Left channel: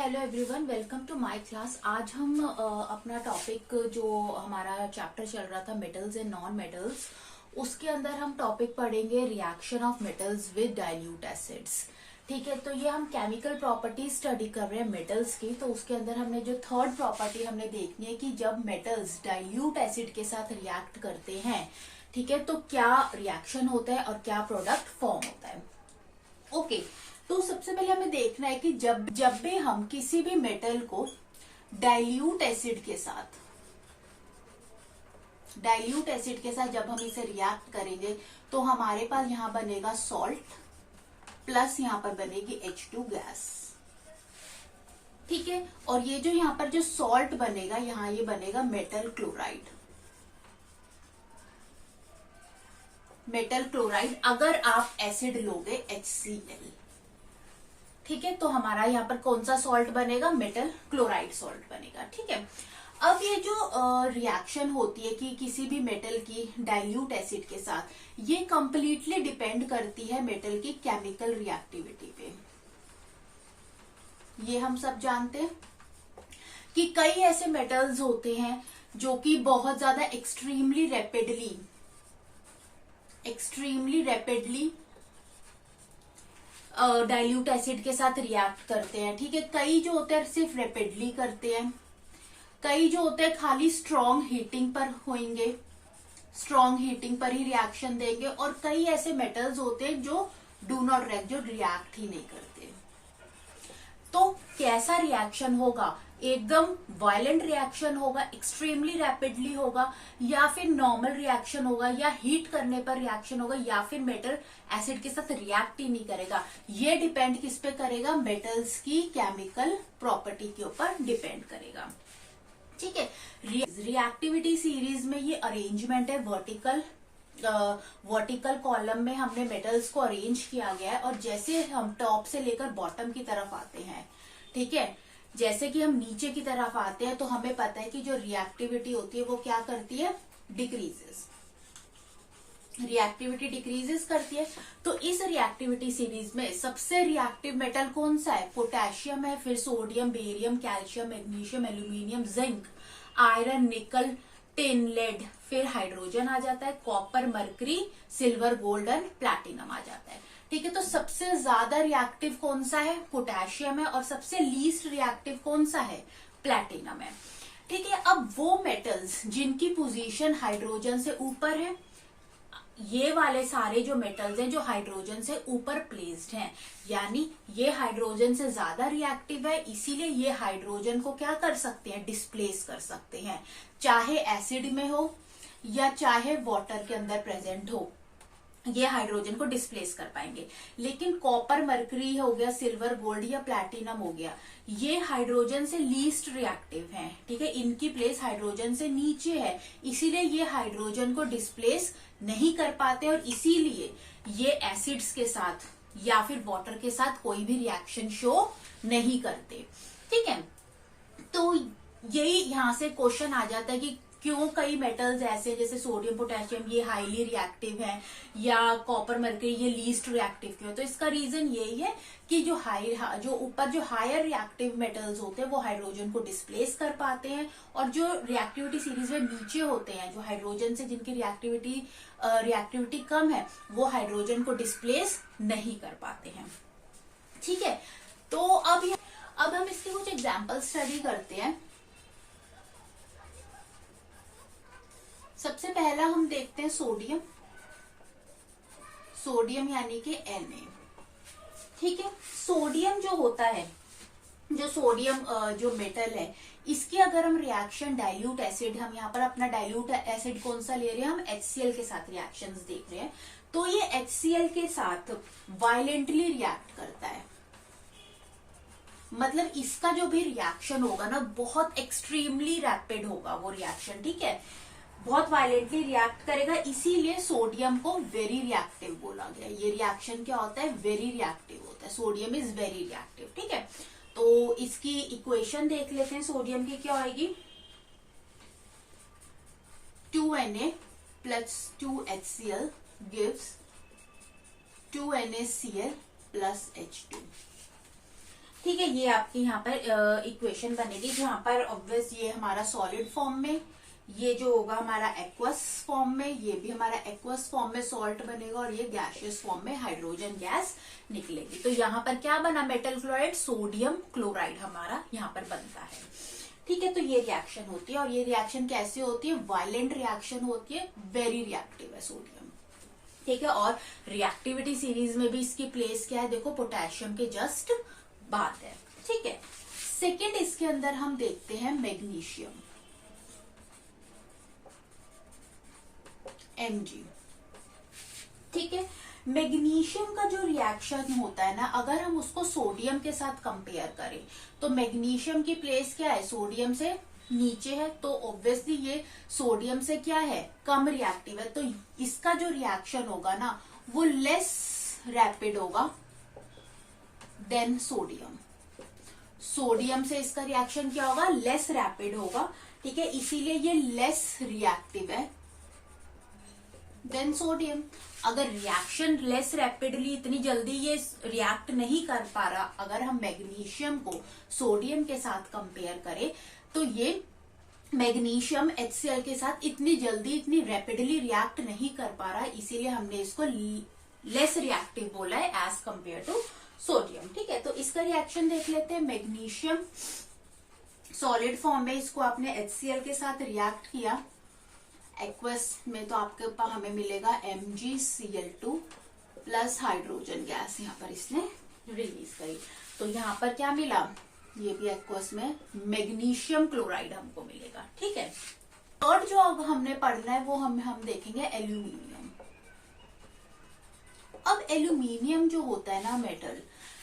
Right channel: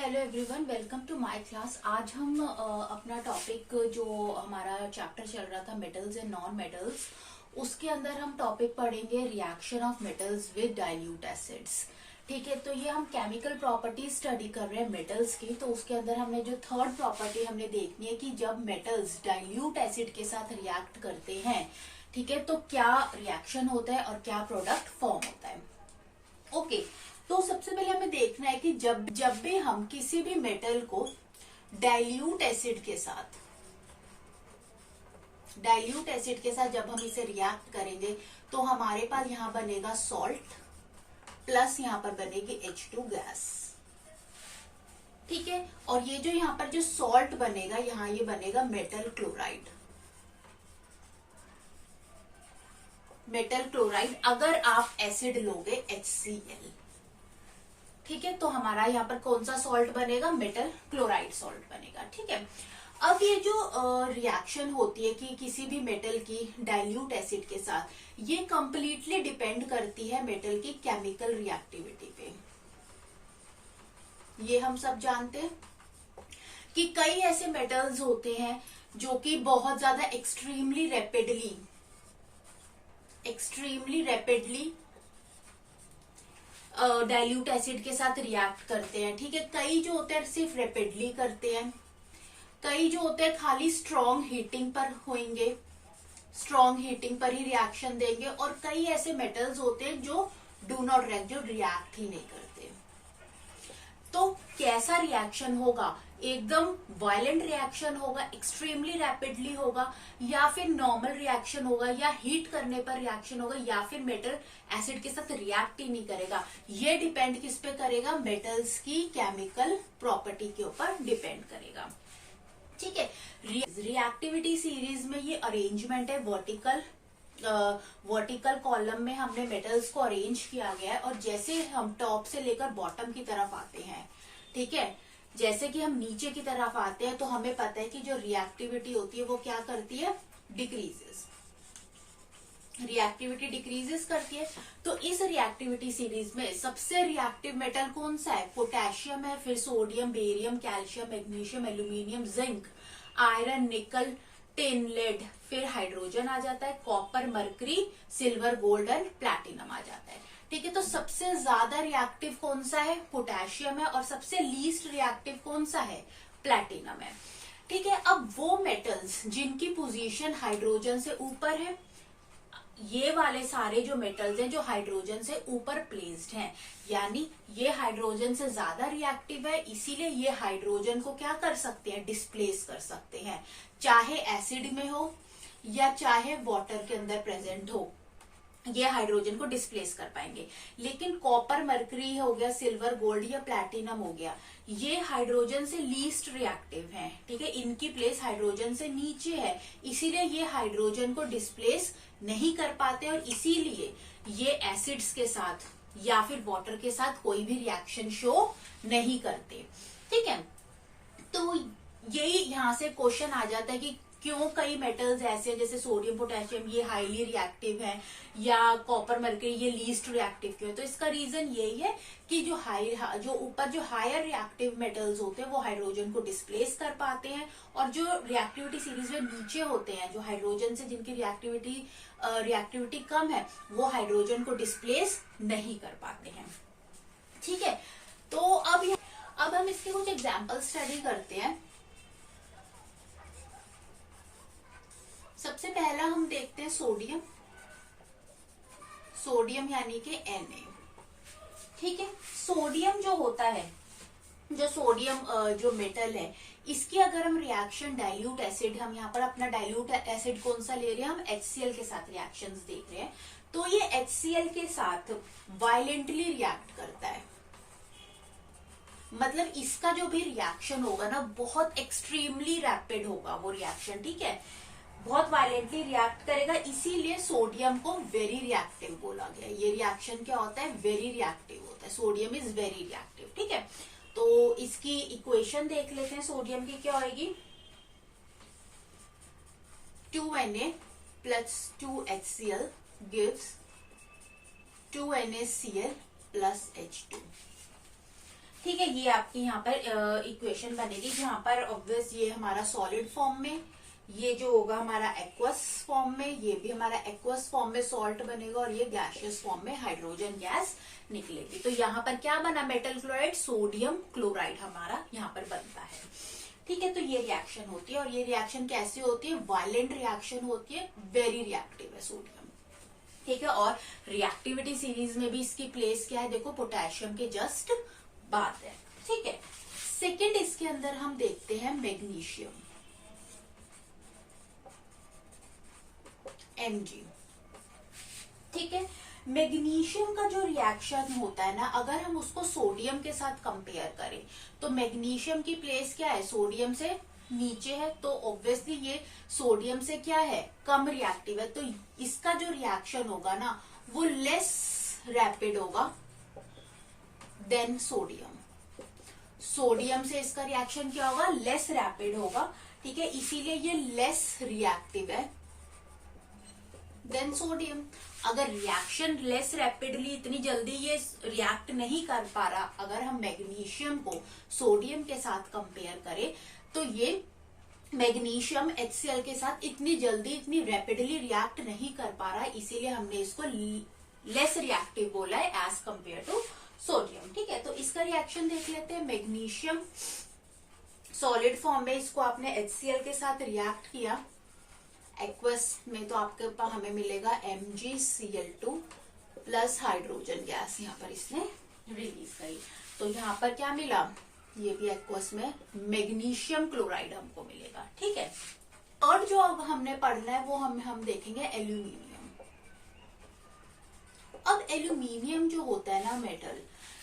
Hello everyone, welcome to my class. आज हम अपना टॉपिक जो हमारा चैप्टर चल रहा था मेटल्स एंड नॉन मेटल्स, उसके अंदर हम टॉपिक पढ़ेंगे reaction of metals with dilute acids. ठीक है, तो ये हम केमिकल प्रॉपर्टीज स्टडी कर रहे हैं मेटल्स की। तो उसके अंदर हमने जो थर्ड प्रॉपर्टी हमने देखनी है कि जब मेटल्स डाइल्यूट एसिड के साथ रिएक्ट करते हैं, ठीक है, तो क्या रिएक्शन होता है और क्या प्रोडक्ट फॉर्म होता है। ओके, तो सबसे पहले हमें देखना है कि जब भी हम किसी भी मेटल को डाइल्यूट एसिड के साथ जब हम इसे रिएक्ट करेंगे तो हमारे पास यहां बनेगा सॉल्ट प्लस यहां पर बनेगी H2 गैस। ठीक है, और ये जो यहां पर जो सॉल्ट बनेगा, यहां ये बनेगा मेटल क्लोराइड। अगर आप एसिड लोगे HCl, ठीक है, तो हमारा यहाँ पर कौन सा सॉल्ट बनेगा? मेटल क्लोराइड सॉल्ट बनेगा। ठीक है, अब ये जो रिएक्शन होती है कि किसी भी मेटल की डाइल्यूट एसिड के साथ, ये कंप्लीटली डिपेंड करती है मेटल की केमिकल रिएक्टिविटी पे। ये हम सब जानते हैं कि कई ऐसे मेटल्स होते हैं जो कि बहुत ज्यादा एक्सट्रीमली रैपिडली डाइल्यूट एसिड के साथ रिएक्ट करते हैं। ठीक है, कई जो होते हैं सिर्फ रैपिडली करते हैं, कई जो होते हैं खाली स्ट्रॉन्ग हीटिंग पर होंगे, स्ट्रॉन्ग हीटिंग पर ही रिएक्शन देंगे, और कई ऐसे मेटल्स होते हैं जो डू नॉट रिएक्ट, जो रिएक्ट ही नहीं करते। तो कैसा रिएक्शन होगा? एकदम वायलेंट रिएक्शन होगा, एक्सट्रीमली रैपिडली होगा, या फिर नॉर्मल रिएक्शन होगा, या हीट करने पर रिएक्शन होगा, या फिर मेटल एसिड के साथ रिएक्ट ही नहीं करेगा। ये डिपेंड किस पे करेगा? मेटल्स की केमिकल प्रॉपर्टी के ऊपर डिपेंड करेगा। ठीक है, रिएक्टिविटी सीरीज में ये अरेंजमेंट है, वर्टिकल कॉलम में हमने मेटल्स को अरेंज किया गया है, और जैसे हम टॉप से लेकर बॉटम की तरफ आते हैं, ठीक है, जैसे कि हम नीचे की तरफ आते हैं, तो हमें पता है कि जो रिएक्टिविटी होती है वो क्या करती है? रिएक्टिविटी डिक्रीजेस करती है। तो इस रिएक्टिविटी सीरीज में सबसे रिएक्टिव मेटल कौन सा है? पोटेशियम है, फिर sodium, barium, calcium, magnesium, aluminium, zinc, iron, nickel, tin, lead, फिर हाइड्रोजन आ जाता है, copper, mercury, silver, gold and platinum आ जाता है। ठीक है, तो सबसे ज्यादा रिएक्टिव कौन सा है? पोटेशियम है, और सबसे लीस्ट रिएक्टिव कौन सा है? प्लैटिनम है। ठीक है, अब वो मेटल्स जिनकी पोजीशन हाइड्रोजन से ऊपर है, ये वाले सारे जो मेटल्स हैं जो हाइड्रोजन से ऊपर प्लेस्ड हैं, यानी ये हाइड्रोजन से ज्यादा रिएक्टिव है, इसीलिए ये हाइड्रोजन को क्या कर सकते हैं? डिस्प्लेस कर सकते हैं, चाहे एसिड में हो या चाहे वाटर के अंदर प्रेजेंट हो, ये हाइड्रोजन को डिस्प्लेस कर पाएंगे। लेकिन कॉपर, मरकरी हो गया, सिल्वर, गोल्ड या प्लैटिनम हो गया, ये हाइड्रोजन से लीस्ट रिएक्टिव हैं। ठीक है, इनकी प्लेस हाइड्रोजन से नीचे है, इसीलिए ये हाइड्रोजन को डिस्प्लेस नहीं कर पाते, और इसीलिए ये एसिड्स के साथ या फिर वाटर के साथ कोई भी रिएक्शन शो नहीं करते। ठीक है, तो यही यहां से क्वेश्चन आ जाता है कि क्यों कई मेटल्स ऐसे, जैसे सोडियम, पोटेशियम, ये हाईली रिएक्टिव है, या कॉपर, मरकरी ये लीस्ट रिएक्टिव क्यों है? तो इसका रीजन यही है कि जो ऊपर जो हायर रिएक्टिव मेटल्स होते हैं वो हाइड्रोजन को डिस्प्लेस कर पाते हैं, और जो रिएक्टिविटी सीरीज में नीचे होते हैं, जो हाइड्रोजन से जिनकी रिएक्टिविटी कम है, वो हाइड्रोजन को डिस्प्लेस नहीं कर पाते हैं। ठीक है, तो अब हम इसके कुछ एग्जाम्पल स्टडी करते हैं। सबसे पहला हम देखते हैं सोडियम यानी कि Na। ठीक है, सोडियम जो होता है, जो सोडियम जो मेटल है, इसकी अगर हम रिएक्शन डाइल्यूट एसिड, हम यहाँ पर अपना डाइल्यूट एसिड कौन सा ले रहे हैं? हम HCl के साथ रिएक्शंस देख रहे हैं। तो ये HCl के साथ वायलेंटली रिएक्ट करता है, मतलब इसका जो भी रिएक्शन होगा ना, बहुत एक्सट्रीमली रैपिड होगा वो रिएक्शन। ठीक है, बहुत वायलेंटली रिएक्ट करेगा, इसीलिए सोडियम को वेरी रिएक्टिव बोला गया। ये रिएक्शन क्या होता है? वेरी रिएक्टिव होता है, सोडियम इज वेरी रिएक्टिव। ठीक है, तो इसकी इक्वेशन देख लेते हैं सोडियम की क्या होगी। 2Na plus 2HCl gives 2NaCl plus H2। ठीक है, ये आपकी यहाँ पर इक्वेशन बनेगी जहां पर ऑब्वियस ये हमारा सॉलिड फॉर्म में, ये जो होगा हमारा एक्वस फॉर्म में, ये भी हमारा एक्वस फॉर्म में सॉल्ट बनेगा और ये गैसियस फॉर्म में हाइड्रोजन गैस निकलेगी। तो यहाँ पर क्या बना, मेटल क्लोराइड सोडियम क्लोराइड हमारा यहाँ पर बनता है। ठीक है, तो ये रिएक्शन होती है और ये रिएक्शन कैसे होती है, वायलेंट रिएक्शन होती है, वेरी रिएक्टिव है सोडियम। ठीक है, और रिएक्टिविटी सीरीज में भी इसकी प्लेस क्या है, देखो पोटेशियम के जस्ट बाद है। ठीक है, सेकंड इसके अंदर हम देखते हैं मैग्नीशियम, Mg। ठीक है, मैग्नीशियम का जो रिएक्शन होता है ना, अगर हम उसको सोडियम के साथ कंपेयर करें तो मैग्नीशियम की प्लेस क्या है, सोडियम से नीचे है, तो ऑब्वियसली ये सोडियम से क्या है, कम रिएक्टिव है, तो इसका जो रिएक्शन होगा ना वो लेस रैपिड होगा देन सोडियम। सोडियम से इसका रिएक्शन क्या होगा, लेस रैपिड होगा। ठीक है, इसीलिए ये लेस रिएक्टिव है देन सोडियम। अगर रिएक्शन लेस रैपिडली, इतनी जल्दी ये रिएक्ट नहीं कर पा रहा, अगर हम मैग्नीशियम को सोडियम के साथ कंपेयर करें तो ये मैग्नीशियम HCl के साथ इतनी जल्दी, इतनी रैपिडली रिएक्ट नहीं कर पा रहा, इसीलिए हमने इसको लेस रिएक्टिव बोला है एज कंपेयर टू सोडियम। ठीक है, तो इसका रिएक्शन देख लेते हैं। मैग्नीशियम सॉलिड फॉर्म में, इसको आपने HCl के साथ रिएक्ट किया, एक्वस में तो आपके पास हमें मिलेगा MgCl2 प्लस हाइड्रोजन गैस यहाँ पर इसने रिलीज करी, तो यहाँ पर क्या मिला, ये भी एक्वस में मैग्नीशियम क्लोराइड हमको मिलेगा। ठीक है, और जो अब हमने पढ़ना है वो हम देखेंगे एल्यूमिनियम। अब एल्यूमिनियम जो होता है ना मेटल,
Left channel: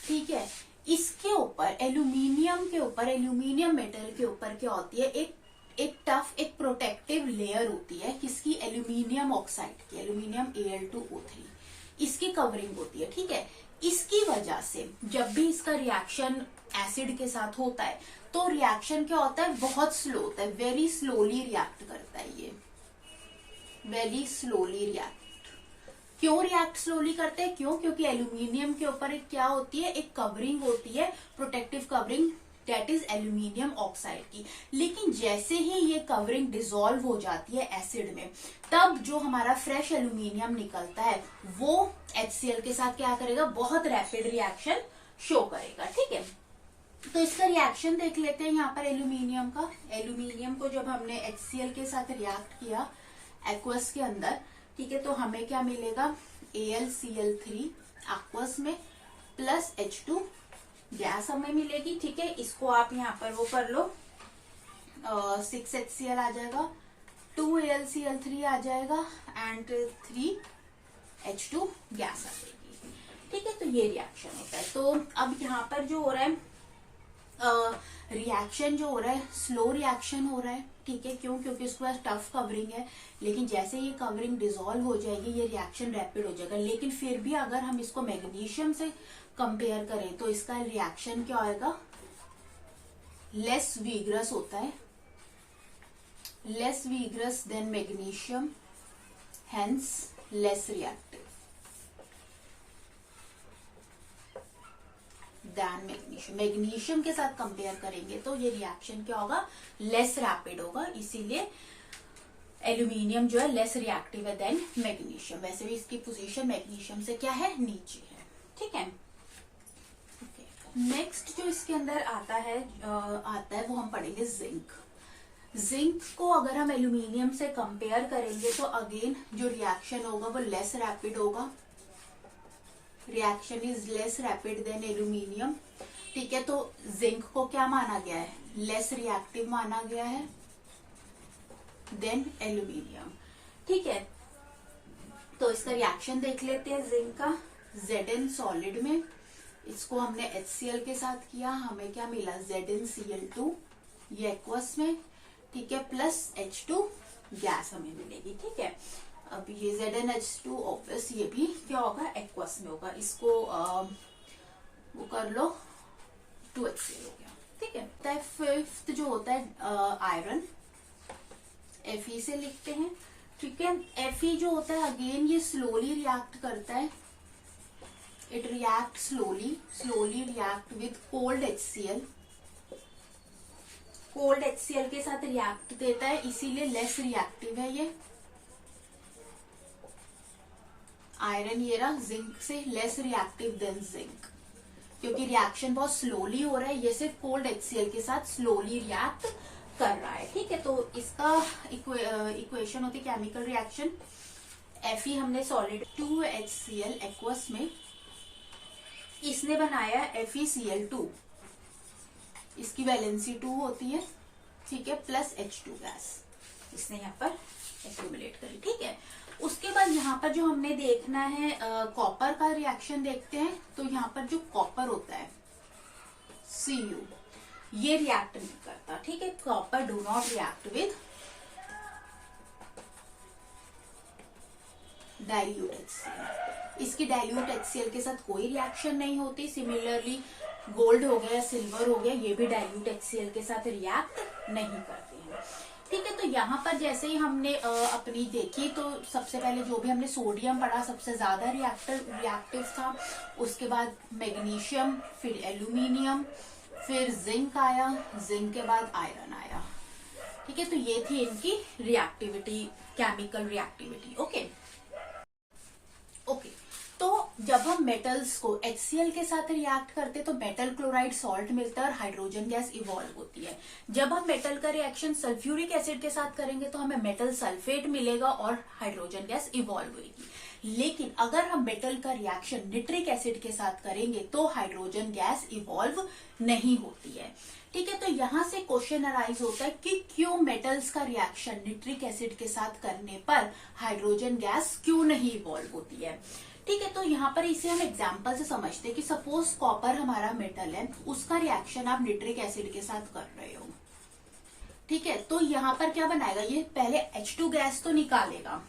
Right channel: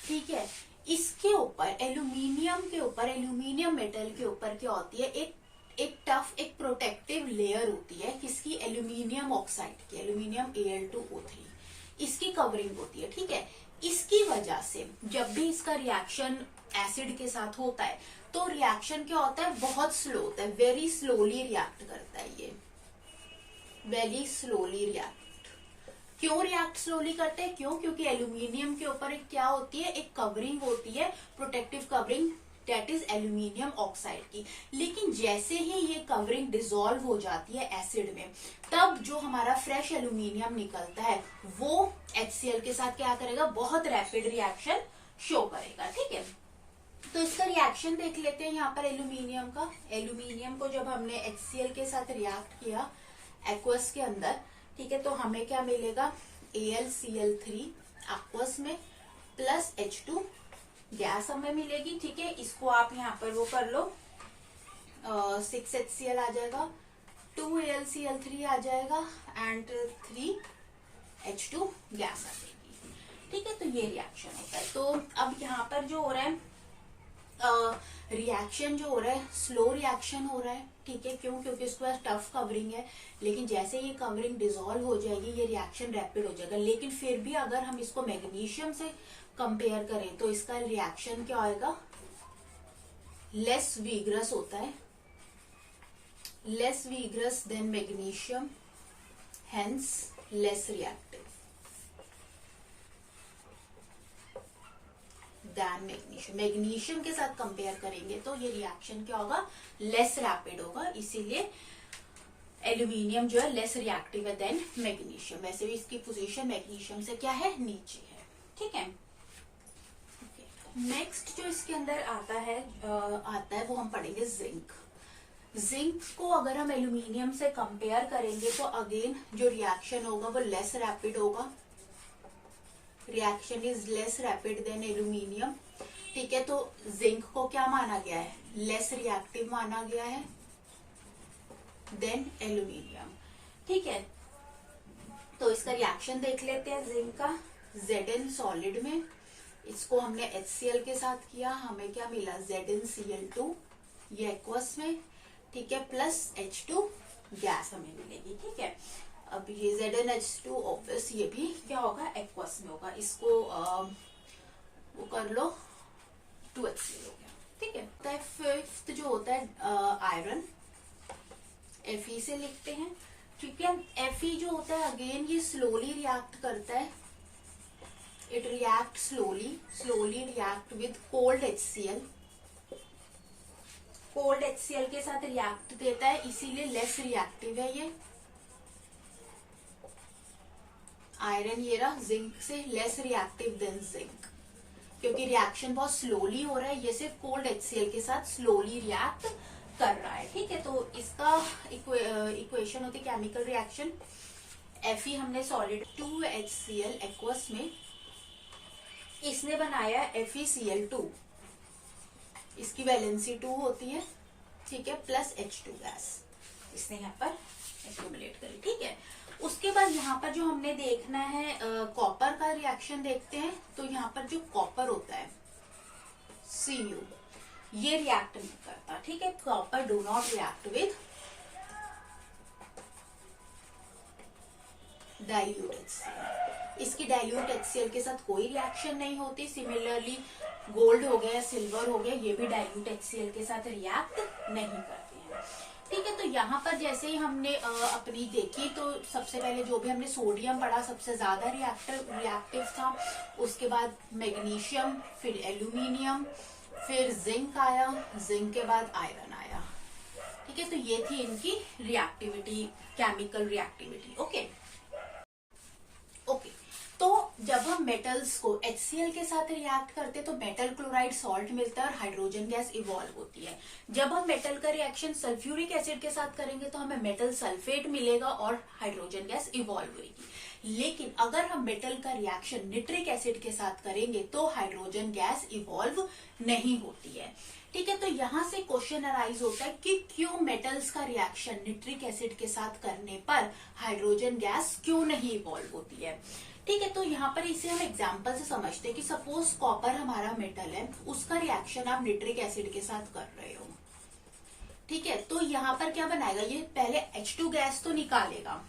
ठीक है, इसके ऊपर एल्यूमिनियम के ऊपर, एल्यूमिनियम मेटल के ऊपर क्या होती है, एक टफ, एक प्रोटेक्टिव लेयर होती है, किसकी, एल्यूमिनियम ऑक्साइड की, एल्यूमिनियम Al2O3, इसकी कवरिंग होती है। ठीक है, इसकी वजह से जब भी इसका रिएक्शन एसिड के साथ होता है तो रिएक्शन क्या होता है, बहुत स्लो होता है, वेरी स्लोली रिएक्ट करता है, ये वेरी स्लोली रिएक्ट। क्यों रिएक्ट स्लोली करते हैं, क्यों, क्योंकि एल्यूमिनियम के ऊपर एक क्या होती है, एक कवरिंग होती है, protective covering, that is aluminium oxide की। लेकिन जैसे ही ये कवरिंग डिसॉल्व हो जाती है एसिड में, तब जो हमारा फ्रेश एल्यूमिनियम निकलता है वो HCl के साथ क्या करेगा, बहुत रैपिड रिएक्शन शो करेगा। ठीक है, तो इसका रिएक्शन देख लेते हैं यहाँ पर एल्यूमिनियम का। एल्यूमिनियम को जब हमने HCl के साथ रिएक्ट किया एक्वस के अंदर, ठीक है, तो हमें क्या मिलेगा, AlCl3 एक्वस में प्लस H2 गैस हमें मिलेगी। ठीक है, इसको आप यहाँ पर वो कर लो, 6HCl आ जाएगा, 2AlCl3 आ जाएगा एंड 3H2 गैस आ जाएगी। ठीक है, तो ये रिएक्शन होता है। तो अब यहाँ पर जो हो रहा है, रिएक्शन जो हो रहा है, स्लो रिएक्शन हो रहा है। ठीक है, क्यों, क्योंकि इसके पास टफ कवरिंग है, लेकिन जैसे ये कवरिंग डिसॉल्व हो जाएगी ये रिएक्शन रैपिड हो जाएगा। लेकिन फिर भी अगर हम इसको मैग्नीशियम से कंपेयर करें तो इसका रिएक्शन क्या होगा, लेस वीगरस होता है, less vigorous than magnesium, hence less reactive than magnesium. Magnesium के साथ कंपेयर करेंगे तो ये रिएक्शन क्या होगा, लेस रैपिड होगा, इसीलिए एल्यूमिनियम जो है लेस रिएक्टिव है देन मैग्नीशियम। वैसे भी इसकी पोजीशन मैग्नीशियम से क्या है, नीचे है। ठीक है, नेक्स्ट जो इसके अंदर आता है वो हम पढ़ेंगे जिंक। जिंक को अगर हम एल्यूमिनियम से कंपेयर करेंगे तो अगेन जो रिएक्शन होगा वो लेस रैपिड होगा, reaction is less rapid then aluminium. ठीक है, तो जिंक को क्या माना गया है, लेस रिएक्टिव माना गया है देन एल्यूमिनियम। ठीक है, तो इसका रिएक्शन देख लेते हैं जिंक का। Zn सॉलिड में, इसको हमने HCl के साथ किया, हमें क्या मिला, ZnCl2, ये एक्वस में। ठीक है, प्लस H2 गैस हमें मिलेगी। ठीक है, अब ये ZnH2 ऑब्वियस ये भी क्या होगा, एक्वस में होगा, इसको वो कर लो, 2HCl हो गया। ठीक है, फिफ्थ जो होता है आयरन, Fe से लिखते हैं। ठीक है, Fe जो होता है अगेन ये स्लोली रिएक्ट करता है it react slowly react with cold HCl, cold HCl के साथ रिएक्ट देता है, इसीलिए लेस रिएक्टिव है ये आयरन। ये रहा जिंक से लेस रिएक्टिव देन जिंक, क्योंकि रिएक्शन बहुत स्लोली हो रहा है, ये सिर्फ कोल्ड HCl के साथ स्लोली रिएक्ट कर रहा है। ठीक है, तो इसका इक्वेशन होती है केमिकल रिएक्शन Fe हमने सॉलिड 2HCl एक्वस में, इसने बनाया FeCl2, इसकी वैलेंसी 2 होती है, ठीक है, प्लस H2 गैस इसने यहाँ पर एक्यूमुलेट करी। ठीक है, उसके बाद यहाँ पर जो हमने देखना है कॉपर का रिएक्शन देखते हैं। तो यहाँ पर जो कॉपर होता है Cu, ये रिएक्ट नहीं करता। ठीक है, copper do not react with dilute HCl, इसकी डाइल्यूट HCl के साथ कोई रिएक्शन नहीं होती। सिमिलरली गोल्ड हो गया, सिल्वर हो गया, ये भी डाइल्यूट HCl के साथ रिएक्ट नहीं करते हैं। ठीक है, तो यहाँ पर जैसे ही हमने अपनी देखी, तो सबसे पहले जो भी हमने सोडियम पढ़ा सबसे ज्यादा रिएक्टिव था, उसके बाद मैग्नीशियम, फिर एल्यूमिनियम, फिर जिंक आया, जिंक के बाद आयरन आया। ठीक है, तो ये थी इनकी रिएक्टिविटी, केमिकल रिएक्टिविटी। ओके, तो जब हम मेटल्स को HCl के साथ रिएक्ट करते तो मेटल क्लोराइड सॉल्ट मिलता है और हाइड्रोजन गैस इवॉल्व होती है। जब हम मेटल का रिएक्शन सल्फ्यूरिक एसिड के साथ करेंगे तो हमें मेटल सल्फेट मिलेगा और हाइड्रोजन गैस इवॉल्व होगी। लेकिन अगर हम मेटल का रिएक्शन निट्रिक एसिड के साथ करेंगे तो हाइड्रोजन गैस इवॉल्व नहीं होती है। ठीक है, तो यहां से क्वेश्चन अराइज होता है कि क्यों मेटल्स का रिएक्शन निट्रिक एसिड के साथ करने पर हाइड्रोजन गैस क्यों नहीं इवॉल्व होती है। ठीक है, तो यहाँ पर इसे हम एग्जांपल से समझते हैं कि सपोज कॉपर हमारा मेटल है, उसका रिएक्शन आप निट्रिक एसिड के साथ कर रहे हो। ठीक है, तो यहाँ पर क्या बनाएगा, ये पहले H2 गैस तो निकालेगा।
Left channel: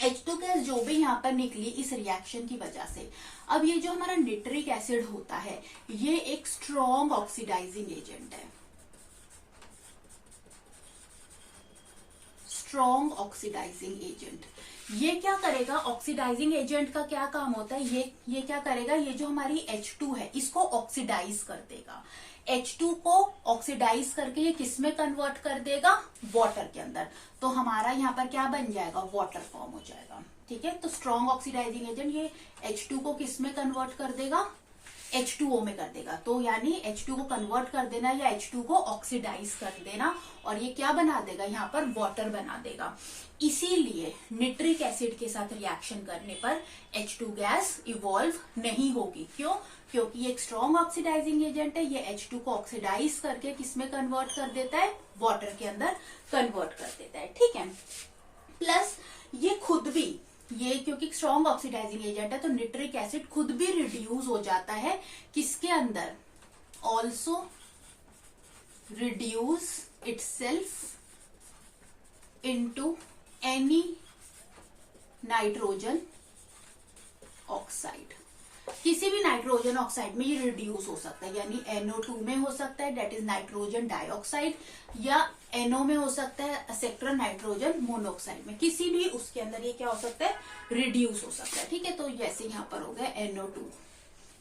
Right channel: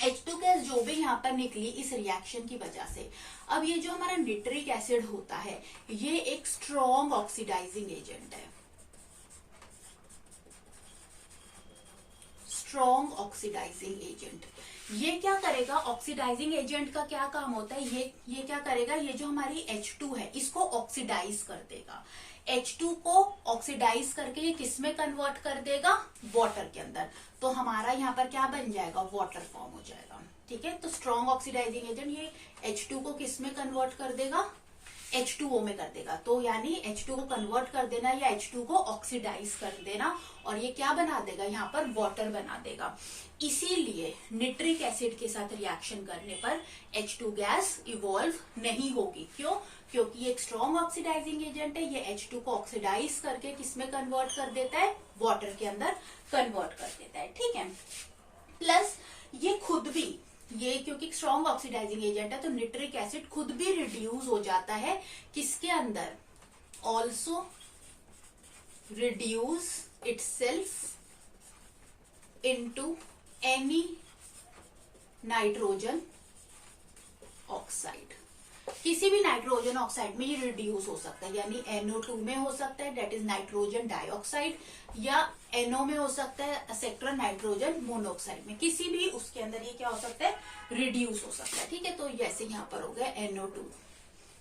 H2 गैस जो भी यहाँ पर निकली इस रिएक्शन की वजह से, अब ये जो हमारा निट्रिक एसिड होता है ये एक स्ट्रॉन्ग ऑक्सीडाइजिंग एजेंट है, स्ट्रॉन्ग ऑक्सीडाइजिंग एजेंट। ये क्या करेगा, ऑक्सीडाइजिंग एजेंट का क्या काम होता है, ये क्या करेगा, ये जो हमारी H2 है इसको ऑक्सीडाइज कर देगा। H2 को ऑक्सीडाइज करके ये किस में कन्वर्ट कर देगा, वाटर के अंदर। तो हमारा यहाँ पर क्या बन जाएगा, वाटर फॉर्म हो जाएगा। ठीक है, तो स्ट्रॉन्ग ऑक्सीडाइजिंग एजेंट ये H2 को किस में कन्वर्ट कर देगा, H2O में कर देगा। तो यानी H2 को कन्वर्ट कर देना या H2 को ऑक्सीडाइज कर देना, और ये क्या बना देगा, यहाँ पर वाटर बना देगा। इसीलिए निट्रिक एसिड के साथ रिएक्शन करने पर H2 गैस इवॉल्व नहीं होगी। क्यों, क्योंकि ये एक स्ट्रॉन्ग ऑक्सीडाइजिंग एजेंट है, ये H2 को ऑक्सीडाइज करके किसमें कन्वर्ट कर देता है, वाटर के अंदर कन्वर्ट कर देता है। ठीक है, प्लस ये खुद भी, ये क्योंकि स्ट्रॉन्ग ऑक्सीडाइजिंग एजेंट है तो निट्रिक एसिड खुद भी रिड्यूस हो जाता है किसके अंदर, also reduce itself into any nitrogen oxide. किसी भी नाइट्रोजन ऑक्साइड में ये रिड्यूस हो सकता है, यानी NO2 में हो सकता है, डेट इज नाइट्रोजन डाइऑक्साइड, या NO में हो सकता है, एक्सेट्रा नाइट्रोजन मोनोऑक्साइड में, किसी भी उसके अंदर ये क्या हो सकता है, रिड्यूस हो सकता है। ठीक है, तो जैसे यहाँ पर हो गया NO2,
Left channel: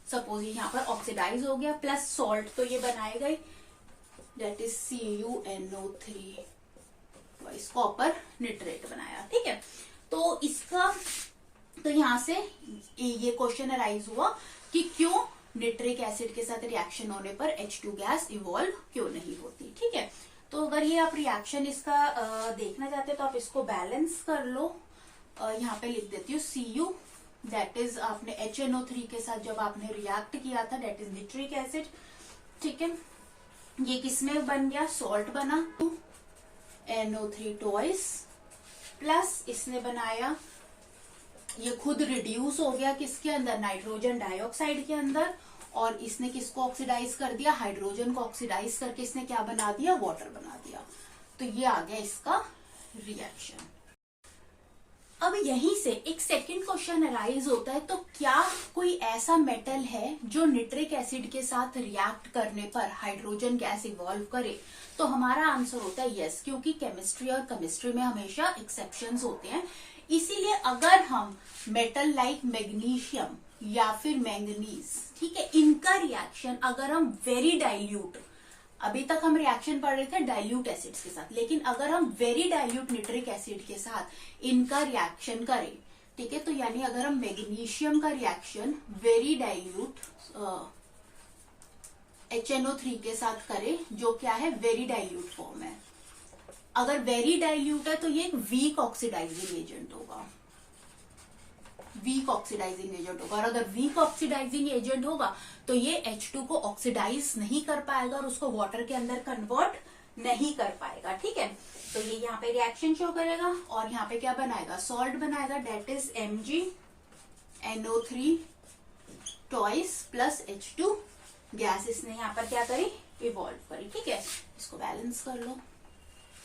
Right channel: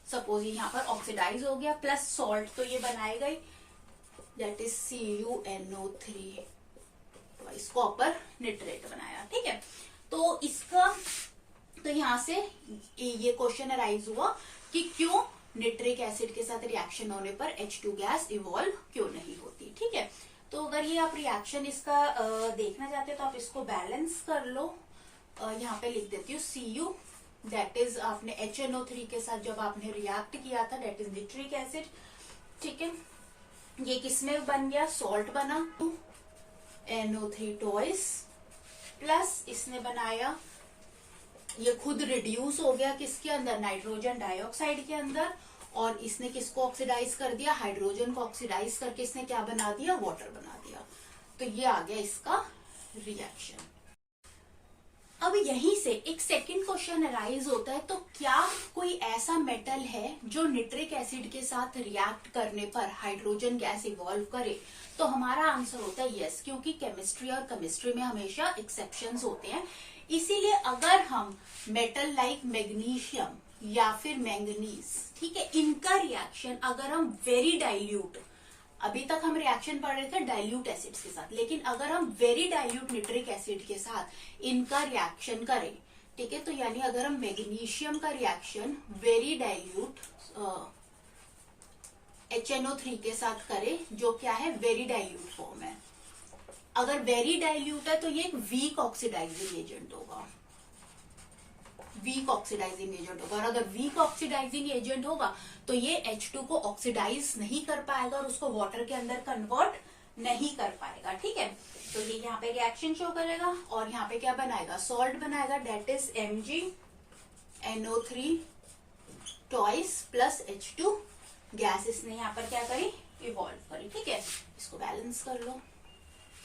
सपोज यहाँ पर ऑक्सीडाइज हो गया, प्लस सॉल्ट तो ये बनाएगा ही, डेट इज CuNO3, कॉपर निट्रेट बनाया। ठीक है, तो इसका, तो यहां से ये क्वेश्चन अराइज हुआ कि क्यों निट्रिक एसिड के साथ रिएक्शन होने पर H2 गैस इवॉल्व क्यों नहीं होती। ठीक है, तो अगर ये आप रिएक्शन इसका देखना चाहते हैं तो आप इसको बैलेंस कर लो। यहाँ पे लिख देती हूँ Cu, दैट इज आपने HNO3 के साथ जब आपने रिएक्ट किया था, दैट इज निट्रिक एसिड। ठीक है, ये किसमें बन गया, सॉल्ट बना, NO3 टॉइस, प्लस इसने बनाया, ये खुद रिड्यूस हो गया किसके अंदर, नाइट्रोजन डाइऑक्साइड के अंदर, और इसने किसको ऑक्सीडाइज कर दिया, हाइड्रोजन को ऑक्सीडाइज करके इसने क्या बना दिया, वाटर बना दिया। तो ये आ गया इसका रिएक्शन। अब यहीं से एक सेकंड क्वेश्चन अराइज होता है, तो क्या कोई ऐसा मेटल है जो निट्रिक एसिड के साथ रिएक्ट करने पर हाइड्रोजन गैस इवॉल्व करे। तो हमारा आंसर होता है यस, क्योंकि केमिस्ट्री और केमिस्ट्री में हमेशा एक्सेप्शंस होते हैं। इसीलिए अगर हम मेटल लाइक मैग्नीशियम या फिर मैंगनीज, ठीक है, इनका रिएक्शन अगर हम वेरी डाइल्यूट, अभी तक हम रिएक्शन पढ़ रहे थे डाइल्यूट एसिड्स के साथ, लेकिन अगर हम वेरी डाइल्यूट नाइट्रिक एसिड के साथ इनका रिएक्शन करें, ठीक है, तो यानी अगर हम मैग्नीशियम का रिएक्शन वेरी डाइल्यूट HNO3 के साथ करें, जो क्या है वेरी डाइल्यूट फॉर्म है, अगर वेरी डाइल्यूट है तो ये एक वीक ऑक्सीडाइजिंग एजेंट होगा, वीक ऑक्सीडाइजिंग एजेंट होगा। और अगर वीक ऑक्सीडाइजिंग एजेंट होगा तो ये H2 को ऑक्सीडाइज नहीं कर पाएगा और उसको वाटर के अंदर कन्वर्ट नहीं कर पाएगा, ठीक है। तो ये यहाँ पे रिएक्शन शो करेगा और यहाँ पे क्या बनाएगा, सॉल्ट बनाएगा, that is MgNO3 twice plus H2 gas इसने यहाँ पर क्या करी, इवॉल्व करी, ठीक है। इसको बैलेंस कर लो,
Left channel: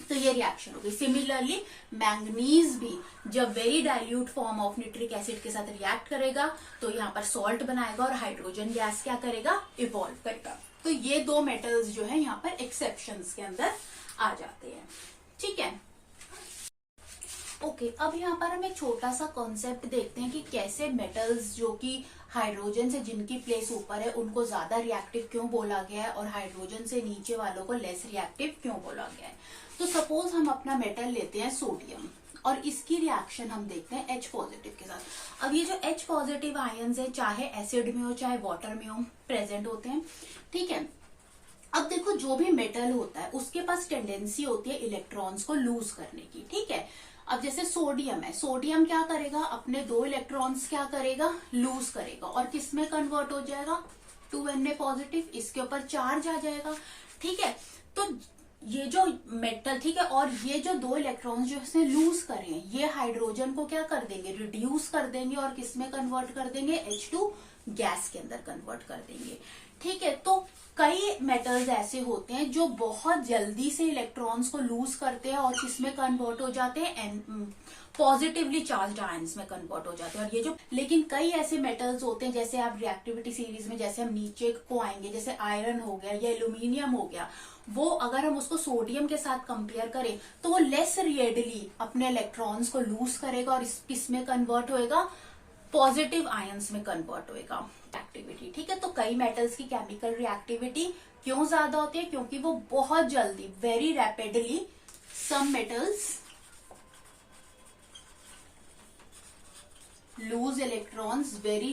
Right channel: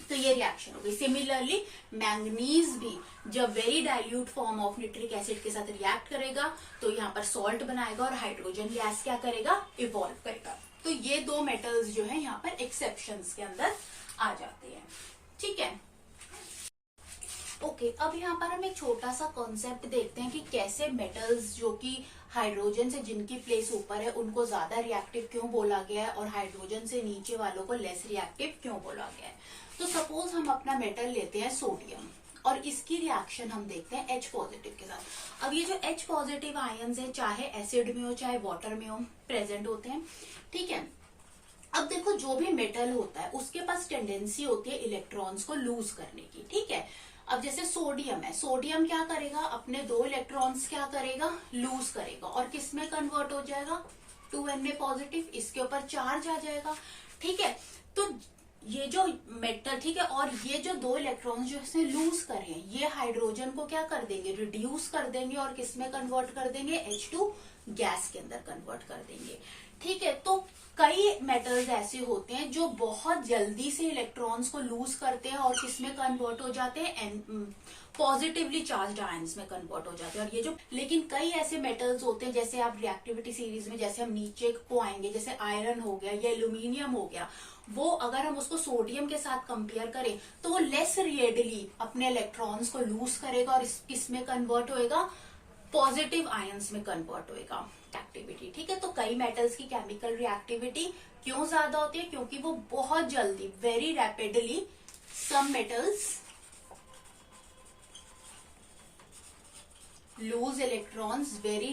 तो ये रिएक्शन होगी। सिमिलरली मैंगनीज भी जब very dilute form of nitric acid के साथ रिएक्ट करेगा तो यहाँ पर सॉल्ट बनाएगा और हाइड्रोजन गैस क्या करेगा, इवॉल्व करेगा। तो ये दो मेटल्स जो है यहाँ पर एक्सेप्शंस के अंदर आ जाते हैं, ठीक है। ओके, अब यहाँ पर हम एक छोटा सा कॉन्सेप्ट देखते हैं कि कैसे मेटल्स जो कि हाइड्रोजन से जिनकी प्लेस ऊपर है उनको ज्यादा रिएक्टिव क्यों बोला गया है और हाइड्रोजन से नीचे वालों को लेस रिएक्टिव क्यों बोला गया है। तो सपोज हम अपना मेटल लेते हैं सोडियम और इसकी रिएक्शन हम देखते हैं H पॉजिटिव के साथ। अब ये जो H पॉजिटिव आयंस है, चाहे एसिड में हो चाहे वाटर में हो, प्रेजेंट होते हैं, ठीक है। अब देखो, जो भी मेटल होता है उसके पास टेंडेंसी होती है इलेक्ट्रॉन्स को लूज करने की, ठीक है। अब जैसे सोडियम है, सोडियम क्या करेगा, अपने 2 इलेक्ट्रॉन्स क्या करेगा, लूज करेगा और किस में कन्वर्ट हो जाएगा, 2Na पॉजिटिव, इसके ऊपर चार्ज आ जाएगा, ठीक है। तो ये जो मेटल, ठीक है, और ये जो 2 इलेक्ट्रॉन्स जो इसने लूज करे हैं, ये हाइड्रोजन को क्या कर देंगे, रिड्यूस कर देंगे और किस में कन्वर्ट कर देंगे, H2 गैस के अंदर कन्वर्ट कर देंगे, ठीक है। तो कई मेटल्स ऐसे होते हैं जो बहुत जल्दी से इलेक्ट्रॉन्स को लूज करते हैं और किसमें कन्वर्ट हो जाते हैं, पॉजिटिवली चार्ज आयंस में कन्वर्ट हो जाते हैं। और ये जो, लेकिन कई ऐसे मेटल्स होते हैं, जैसे आप रिएक्टिविटी सीरीज में जैसे हम नीचे को आएंगे, जैसे आयरन हो गया या एल्यूमिनियम हो गया, वो अगर हम उसको सोडियम के साथ कंपेयर करें तो वो लेस रेडली अपने इलेक्ट्रॉन्स को लूज करेगा और किसमें कन्वर्ट होएगा, पॉजिटिव आयंस में कन्वर्ट होएगा एक्टिविटी, ठीक है। तो कई मेटल्स की केमिकल रिएक्टिविटी क्यों ज्यादा होती है, क्योंकि वो बहुत जल्दी, very rapidly, some metals lose electrons very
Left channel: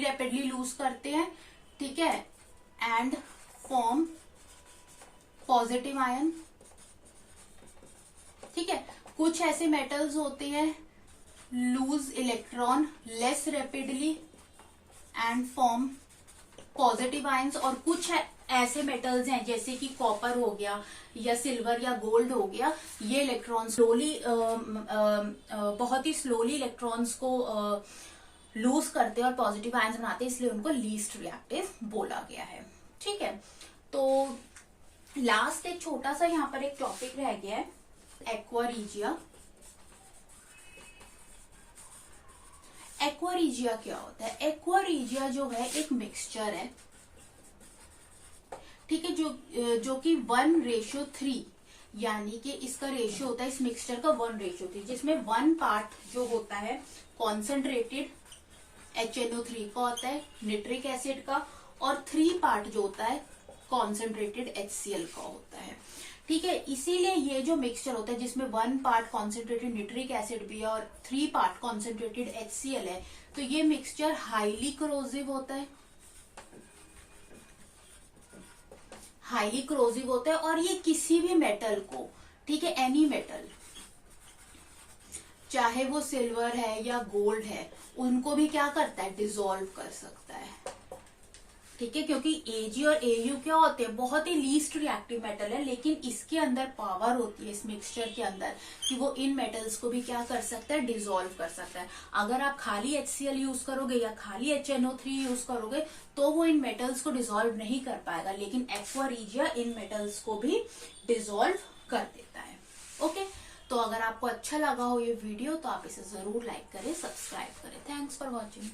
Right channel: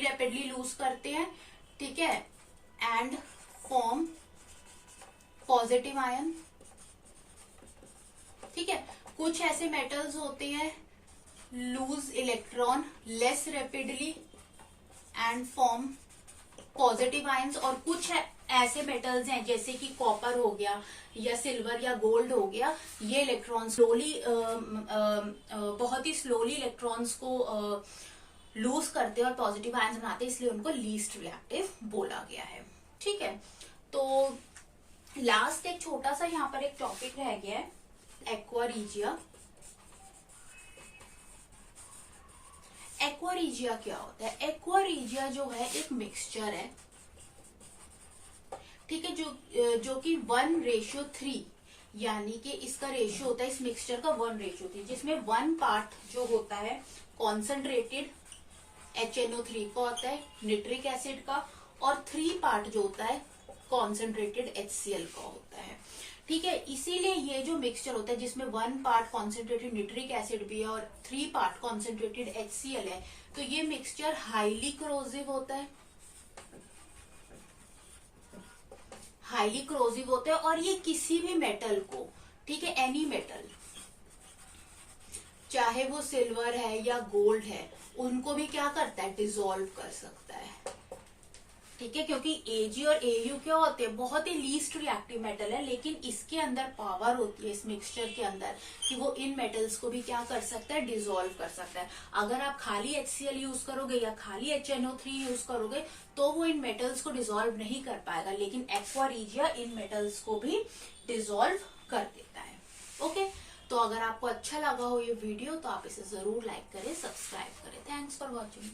rapidly lose करते हैं, ठीक है, एंड फॉर्म पॉजिटिव आयन, ठीक है। कुछ ऐसे मेटल्स होते हैं loose electron less rapidly and form positive ions, और कुछ ऐसे मेटल्स हैं जैसे कि कॉपर हो गया या सिल्वर या गोल्ड हो गया, ये इलेक्ट्रॉन स्लोली, बहुत ही स्लोली इलेक्ट्रॉन्स को लूज करते हैं और पॉजिटिव आयंस बनाते हैं, इसलिए उनको लीस्ट रिएक्टिव बोला गया है, ठीक है। तो लास्ट एक छोटा सा यहाँ पर एक टॉपिक रह गया है, एक्वा रीजिया। एक्वा रीजिया क्या होता है, एक्वा रीजिया जो है एक मिक्सचर है, ठीक है, जो कि 1:3, यानी कि इसका रेशियो होता है, इस मिक्सचर का 1:3, जिसमें 1 पार्ट जो होता है कॉन्सेंट्रेटेड HNO3 का होता है, नाइट्रिक एसिड का, और 3 पार्ट जो होता है कॉन्सेंट्रेटेड HCl का होता है, ठीक है। इसीलिए ये जो मिक्सचर होता है जिसमें 1 पार्ट कॉन्सेंट्रेटेड नाइट्रिक एसिड भी है और 3 पार्ट कॉन्सेंट्रेटेड HCl है, तो ये मिक्सचर हाईली कोरोसिव होता है, हाईली कोरोसिव होता है, और ये किसी भी मेटल को, ठीक है, एनी मेटल, चाहे वो सिल्वर है या गोल्ड है, उनको भी क्या करता है, डिसॉल्व कर सकता है, ठीक है। क्योंकि Ag और Au क्या होते हैं, बहुत ही लीस्ट रिएक्टिव मेटल है, लेकिन इसके अंदर पावर होती है इस मिक्सचर के अंदर कि वो इन मेटल्स को भी क्या कर सकता है, डिसॉल्व कर सकता है। अगर आप खाली HCl यूज करोगे या खाली HNO3 यूज करोगे तो वो इन मेटल्स को डिसॉल्व नहीं कर पाएगा, लेकिन एक्वा रीजिया इन मेटल्स को भी डिसॉल्व कर देता है, ओके। तो अगर आपको अच्छा लगा हो ये वीडियो तो आप इसे जरूर लाइक करें, सब्सक्राइब करें। Thanks for watching.